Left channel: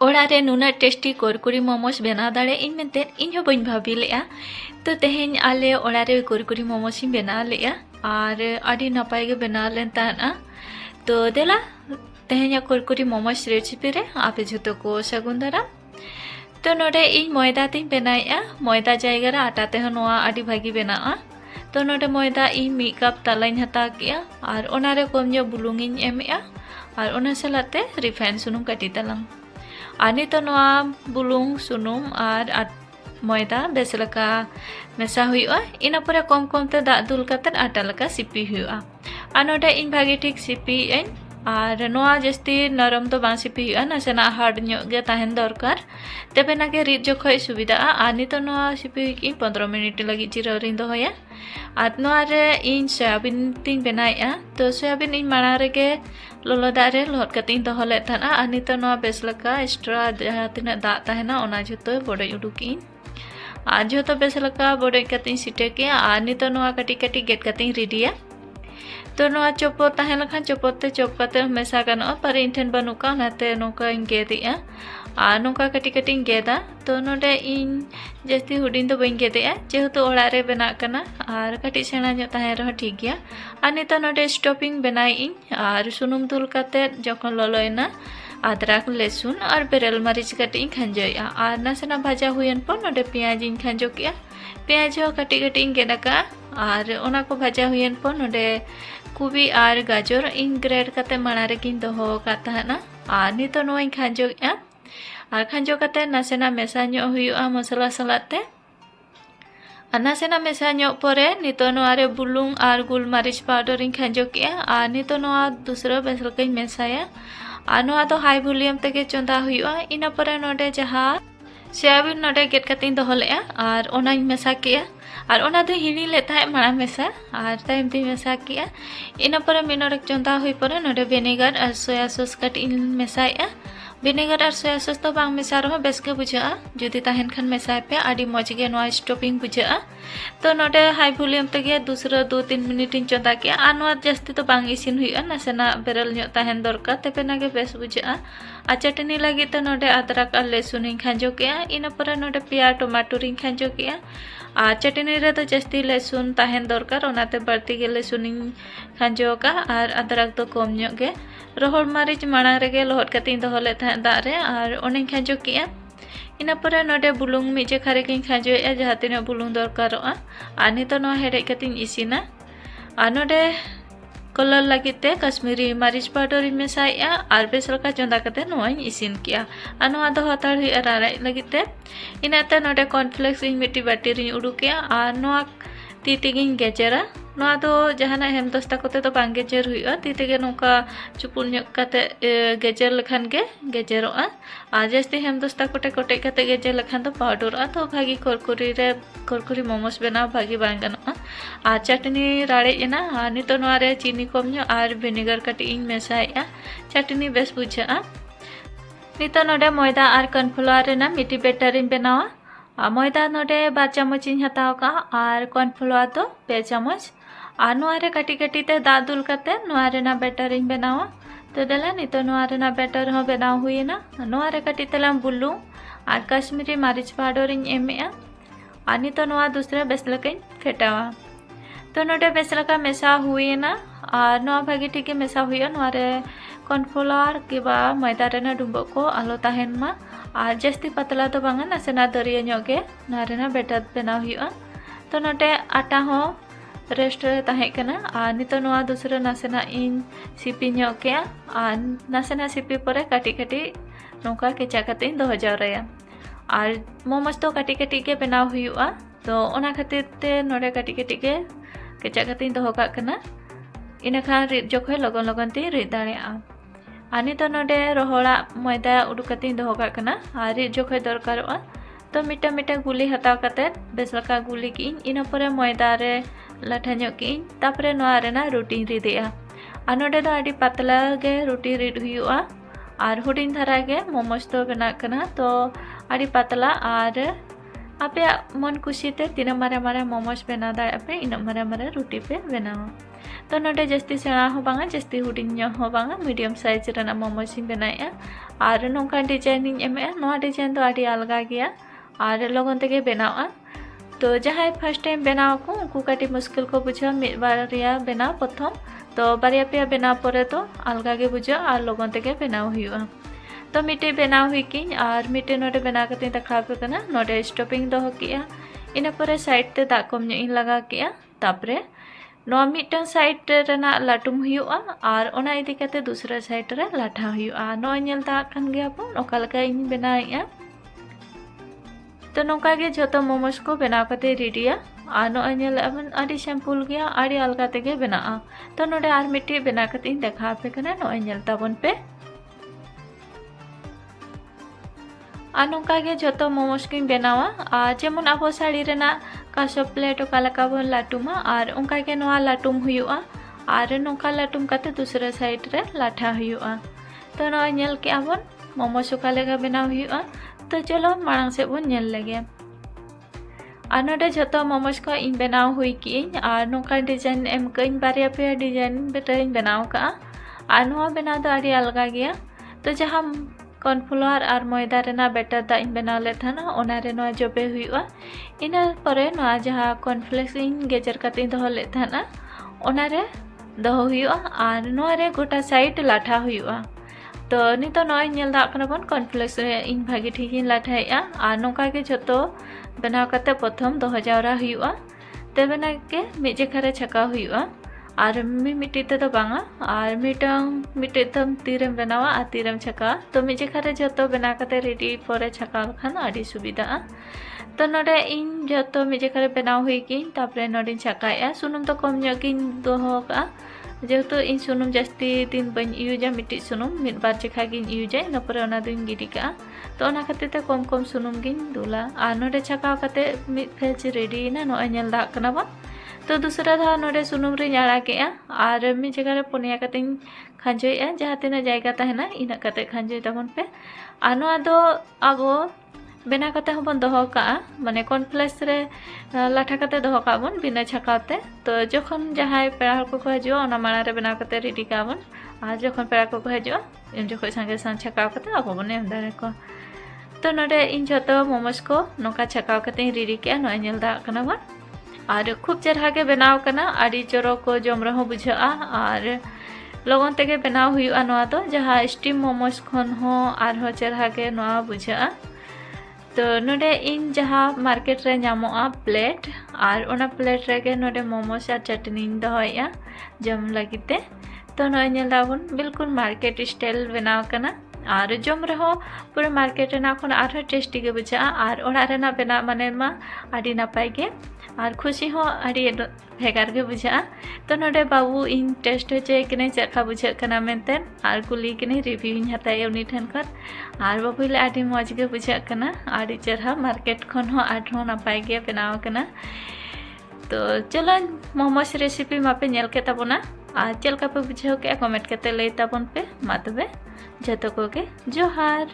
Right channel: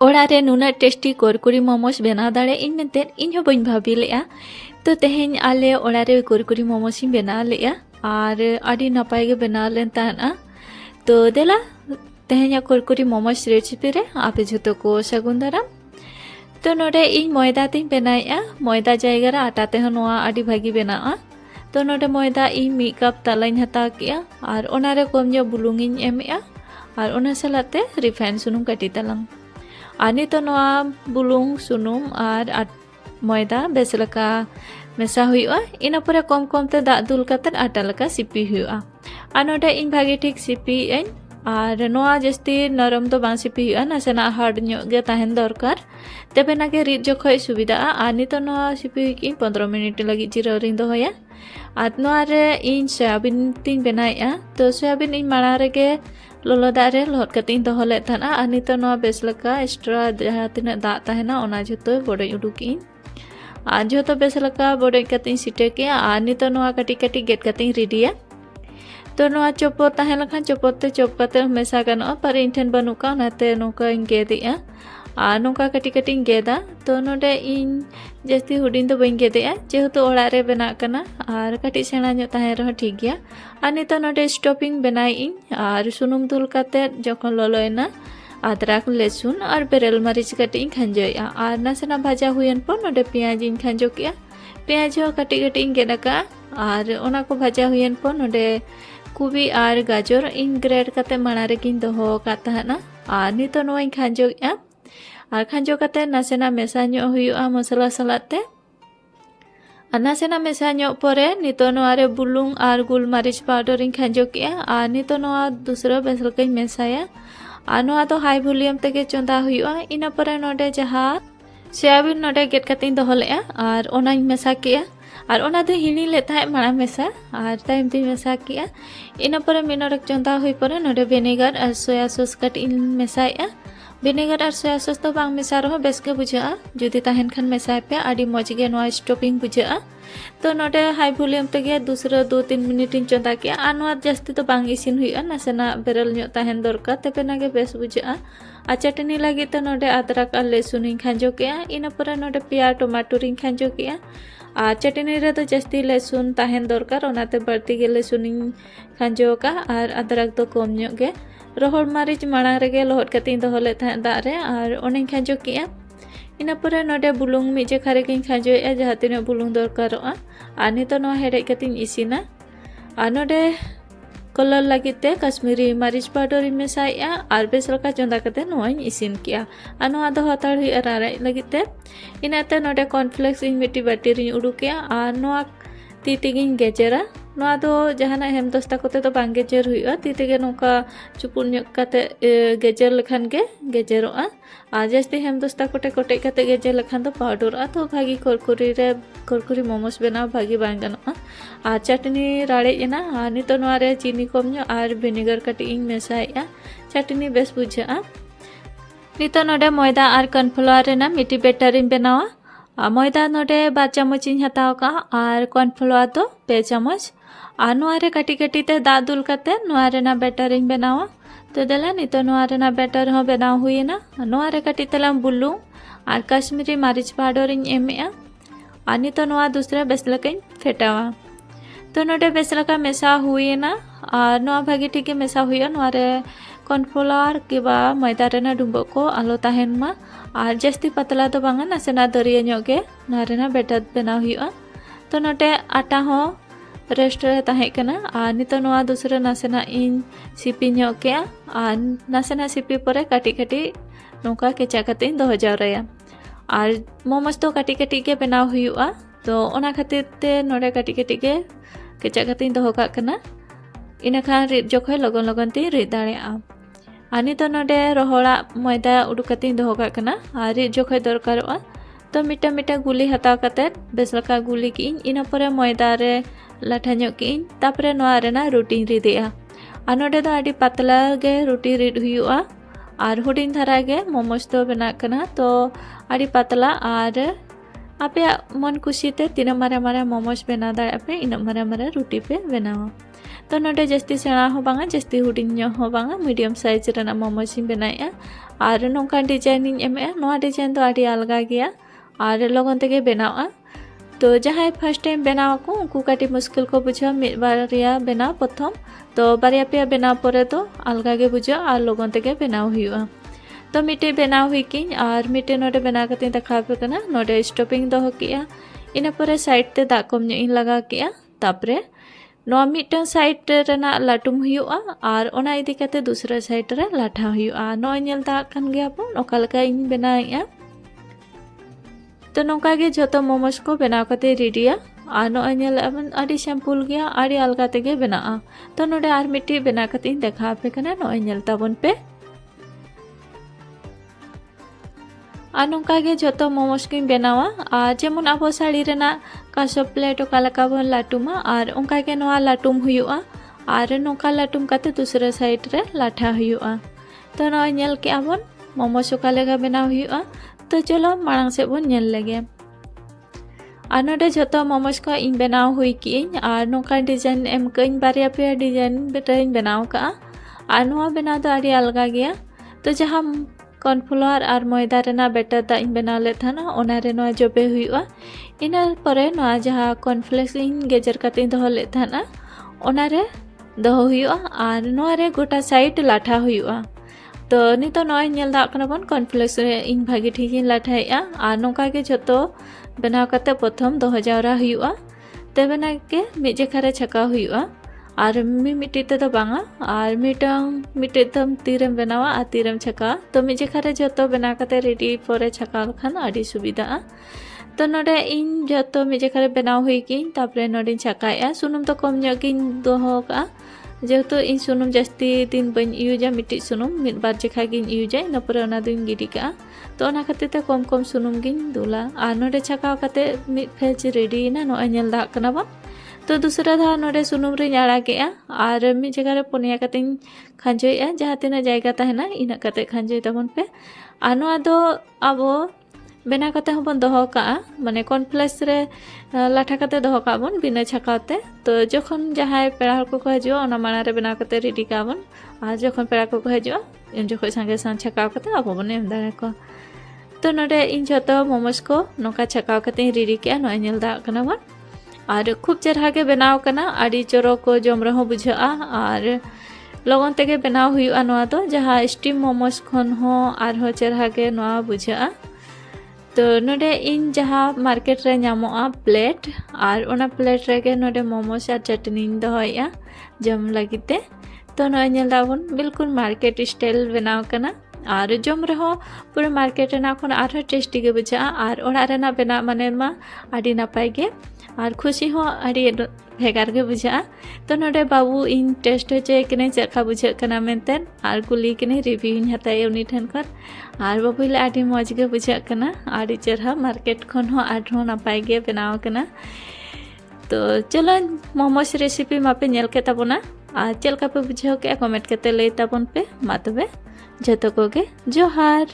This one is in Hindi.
ओड़ा रे नुना टेस्टी कुरकुरी मोमोस बना दाड़े इन मेंते इन हो बइन भाभी लेआ तो तेहेन आले ओड़ा रे कुरकुरी मोमोस इन बना लेआ और आड़ी नपाय गे बना लेन ताना तो देला तेहेन कुरकुरी मोमोस रेसिपी रे आपे झुतो को सगुन दारा तो नोडे इन मैदा तीन बनाया मैदा जायगा रे आटा ते नोआ आड़ी भागी बनाआ तो नोडे मैदा इन मी कप तलाइन हता किया और ओना रे कम जो बुलुंग इन एमेआ और ओना सलाते रिफाइन सुनुम कटी तलांग आनी तो नोआ बुलुंग सुनुम और मैदा बेस लका मेसा हुआ इना पुरा कम कम ते दाग दुल कते आटा लका सिपी हुआ और नोडे इन भागे ठीक सिपी एन और नोआ जस्ती नरम तो बां सिपी हुआ नासेना हार्ड ᱧᱚᱜ गे ताहेन दरकार तबे नागे रिद जखय सुविधा आनी तो नोआ सिपी की 15 मिनिट लगी जिराव रिन दोया और नोआ रे इन सोयाबिन तीन बनाया तो सोयाबिन इन माड़ा रेगे लोलो दाग रे लहद कते इन दोहो लेद थाना आनी तो नोआ बेस लका एक्स्ट्रा जहां तिना दाग ताहेना ओना झुतो बडय उडुक इन और जो बेस लका बडय कते सिटे के आनी तो नोआ कटी कटी गेट कते रेडिया तो नोआ चोपो ताहेन लखान चोपो ते चोप कते मेसा गानो पर इन ठेन बनुका नाते नोका इन गेदिया और नोका कटी कटी गेदा तो नोडे इन जस्ती हुडिन दो बइन गेदिया जेहेतु ओड़ा रे बना कना और कटी सेना ᱧᱚᱜ ताहेन रह ठीक गया और नितो नोडे स्टॉपिंग बनाई इन और सुनुम दुल कते जखन ललोयना अदरक लहसुन और बेरेल मरीच कटी इन खंजोया और नासेना भाजा हुयन पर नोडे पेंयाज इन खंजो किया पेंयाज हो कटी कटी इन गेदाका और ओना को भाजा हुयन पर नोडे कुबी और गाजर इन ग्रेड कते माड़ा रे किन दोहो का ताहना और नितो नो इन खंजोया और खंजो कते नासेना मेसा ᱧᱚᱜ हुयुआ मसला सलाते और नासेना मेसा ᱧᱚᱜ परे नितो नोआ रे बुलुंग और गुलमरीच पाउडर इन खंजो किया और नितो नोआ दूसरा बेसल कई मेसाया और नोआ तो हाई वॉल्यूम तेगे चंदा हुयुआ इना परे नोडे जहां सोयाबिन नोडे गेट कते दोहो लेआ और ओना इन मेसा किया और ओना दो हिणी लेता है माड़ा मेसा और टाइम ती मेसा किया इना परे मिनोडक चंदा हुई परे नोडे विनेगर और सोया सॉस कट इन मेसाया विनेगर और सोया सॉस तो बांग मेसा रहो बेस के बुझा जुदी ताहेन खान मेसाय पे आडी मौज गे नोआ स्टॉपिंग बुझा तो नोडे हाई वॉल्यूम तेगे दूसरा 2-3 मिनट इन चंदा किया और नोआ जस्ती तो बांग इसिन हुआ नासेना बेरल ᱧᱚᱜ ताहेन दरकार तबे नागे बेस बुझा और चटनी लगी तो नोडे अदरक और लहसुन इन खंजो किया इना परे नोडे पिया टमाटर इन खंजो किया और चटनी रे तो जस्ती लहसुन ताहेन दरकार ओनाते बढ़ती गे लहसुन इन खंजो का और अदरक तो कम ᱧᱚᱜ गे रोहड़ मरीच माड़ा रेगे लहद कते दोहो ले थाहे दाग रे और ओने खंजो किया इना परे नोडे बुलुंग मी जेखा रे किन खंजोया जहां तिना बुलुंग दरकारोआ और नितो नो हेडे कते इसिना और नोडे कलर लगिते कश्मीरी मरीच पाउडर इन मेसाया और बेस लका चंदा कते नोआ इसिन किया और नोआ दो हताड़ हुई रारा लगिते इनाते नोडे कॉर्नफ्लेक्स इन मिट्टी बाटी रे उडुकिया और नोआ ती तेगिन गेजेरा नोआ दो जहाना हेम दस्ता कोते तो बांग गेजेर हुआ ती तेगे नोका चुपुन ᱧᱚᱜ कते गेजेर लखान गे गेजेरोआ और जस्ती हेम दस्ता कोटे कोटे कते गेजेर लखान तो पाउडरआ तो भागी कुरकुरी मोमोस बनाव भागी बांग गानोआ और चटनी राड़े एना और नितो नोआ रे चीनी कम ᱧᱚᱜ और विनेगर कटी इन मेसाया चटनी बेस बुझा नितो नोडे मैदा और कॉर्नफ्लावर रेना मिट्टी बेटर इन बनावा मैदा नोडे 2 चामच इन हताव का और कॉर्नफ्लावर तो 2 चामच और नोआ रे कटी कटी ते दाग दुल कते नोआ रेना बेटर इन बनावा तो देला नितो नोआ रेना बेटर हो बनाव हुईना नोआ रे कटी तलाम बुलुंग और कश्मीरी मरीच पाउडर इन एमेआ और नितो नोआ दूसरा बेस लका इन फेटावा तो नोडे बेस लका मेसा हुईना और नोआ भागी ठीक मेसा हुआ नोआ रे कॉर्नफ्लावर किबा मैदा रेना डुंबो को आलो ताहेन मा और जस्ती पतला तो बांगा नासेना दरिया ᱧᱚᱜ गे नोआ रेना बेटर बनाव हुआ तो नोडे आटा हो रेस्ट रे ताहे कना और नितो नोआ दूसरा नासेना इन सिपी ᱧᱚᱜ किया और नासेना सिपी परे काटी काटी नोका केचा कते इन दोहो जावराया और मोमोस तो काटी काटी के बनाव हुआ तो ओना खातिर ते नोडे काटी काटी के केचा कते इन दोहो काग कना इना खान रिद जखय लगन लगन ते रिद दाड़ेया आनी तो नोडे रोहड़ा मैदा उडुक कते दोहो काग कना और रिद जखय दरकारोआ तो मिटा मिटा गुली हताव कते बेस लका गुली की इना परे मैदा रे लाठा ᱧᱚᱜ की तापरे नोआ रेना रोटी रिदेया और नोडे दो आडी पतला गे रोटी रिद हुयुआ और हुडिन धारा गे मोमोस तो बना कना तो आडी पतला और आपे मन खुशी ते तीना मारे मारे मोमोस बना दाड़े पे इन मारे मारे रोटी पे बनावा तो नोडे जस्ती सेना हो बांगा जस्ती हुडिन हो बांगा मीडियम साइज रेना मोमोस इन बनाया और नौका डिजाइन एमेगा नोआ डिजाइन तो आड़ी अलगा गया और लगन तेगे बनावा तो जहाँ फर्स्ट टाइम बनाव को उनको काटी मुश्किल को बुझा मिड बारिया बनाव प्रथम तो बारिया पे बनाव परे तो अलगा गे बुझा और लगन तेगे बनाव हुआ तो मिटे बनाव हुई की और मिटे नोडे बना कते देखा पे कना नोडे स्टॉपिंग दो किया इना परे साइड ते दा कम ᱧᱚᱜ लगा किया तापरे नोआ मिटन साइड रेना लाटुम हुआ और ओना इदी कते दूसरा साइड रे लाठा हुआ नो नेल दा कन गया बन ओका लका इन बनाया तो नौका गे जतो मोमोस को बना कते रेडिया और नो नेल अपन आडी सिंपल गया आडी अलगा तेगे बना तो नोडे आर मिट्टी बना कते देखा पे कना नो नेल ताबन पे और नौका गे जतो मोमोस की बनावा और जेमन अब साड़ी रेना कासो प्लेट ओका बन लाटुमा और उनका के नोआ लाटुम हुआ और नौका लाटुम कते दूसरा साइड रे लाठा हुआ तो नोआ नेल के बन मोमोस ओका लेगा बनाव हुआ तो चलो मांग से बन नेल लगे और नोडे जतो मोमोस को इन बनाव हुई की और नौका डिजाइन एम कइन बारिया पे डिजाइन बेटरिन बनाव का और नोआ बनाव तो आड़ी अलगा गया तो जहाँ कॉर्नफ्लावर और मैदा रेना बेटर दा इन बना ले था ना ओना रे नोआ जबे हुआ इना परे नोआ जहाँ कॉर्नफ्लेक्स इन गेजर कते दो ले था ना ओना रे दो हुआ और नोआ रे गोटा साइड लाठा हुआ तो नितो नोआ नेल दा कना बन कॉर्नफ्लेक्स रे इन भागी ठीक इन लाठाया और नोका के जतो बनाव कते प्रथम दो जावरा हुआ तबेना के मिड जेखा रे छका हुआ और मिट्टी ते तो बांगा और मिट्टी तम तीरम बनावा और तीरम छका तो मिजे खारे जतो बना कते रेडी परे छका खान आड़ी सुविधा तो नोडे इन जतो मिजे खारे बनाव हुई की तापरे नोडे छकाया सुनुम तो कम ᱧᱚᱜ दोहो का जेहेतु इन सुनुम जास्ती दिन बन यूजा मिट्टी सुनुम मिड बार जेखा गिन यूजा इन परे ओना दिन गिडी का तो ओना खातिर ते कम कम सुनुम गिन दुला और नोडे छका कते मिड फेज रेडी ना नो नेल दा कना बन तो दूसरा धा नोडे सुनुम रे आड़ा के और मिड जगह रे पुनिया कते खांजोया जहाँ तीना जायगा तहना इना कते खांजोय तबन पे आनो आदो आबो बना कते हबन दोहो का माने कॉर्नफ्लेक्स रे लाठा कते दोहो का बन बिना छकाते तो जखन जहाँ पेड़ा को हजो ओना माना रे बना कते रेडी का बन और जखन पेड़ा को हजो इन जखन संगे संग छका कते आबो बन एम दारे को तो नोडे इन जतो मोमोस को नोका छका कते रेडी के नो नेल दा कना बन और खूब चरहा के बनाव कना आड़ी चोरो को जम रहो बुझा और लगन तेगे बनाव हुआ नोआ तो जहाँ स्टीम मोमोस खन हो और हो चरहा के नोआ बुझा तो नोडे इन जहाँ मार्केट रे नामोआ प्लेट और ओना प्लेट रे के नोडे मोमोस और चटनी दोहोया जम लगिते तो नोआ नेल दाबन बिल्कुल मार्केट स्टाइल बनाव कना और जम रहो पूरा मार्केट रेना खन आरो टेस्टी के बुझा और ओड़ा रेना बना माने मा आड़ी नापाय के और खुशी हो आड़ी भेगार के बुझा तो नोडे बाबू इन टेस्ट होचे कने चखा बुझा कना मेनते और कुली कने रिव्यू इन हताय उनी ठन कर और बाबू ले आड़ी मौज के बुझा कना आड़ी चरहा मार्केट खन हो आठो नापाय के बनाव कना तो चलो मोमोस रेसिपी मापे नेल के ताबोना और चलका पे बुझाव के कमेंट करते ले ताबन पे मा तबे जतो को के जोहार।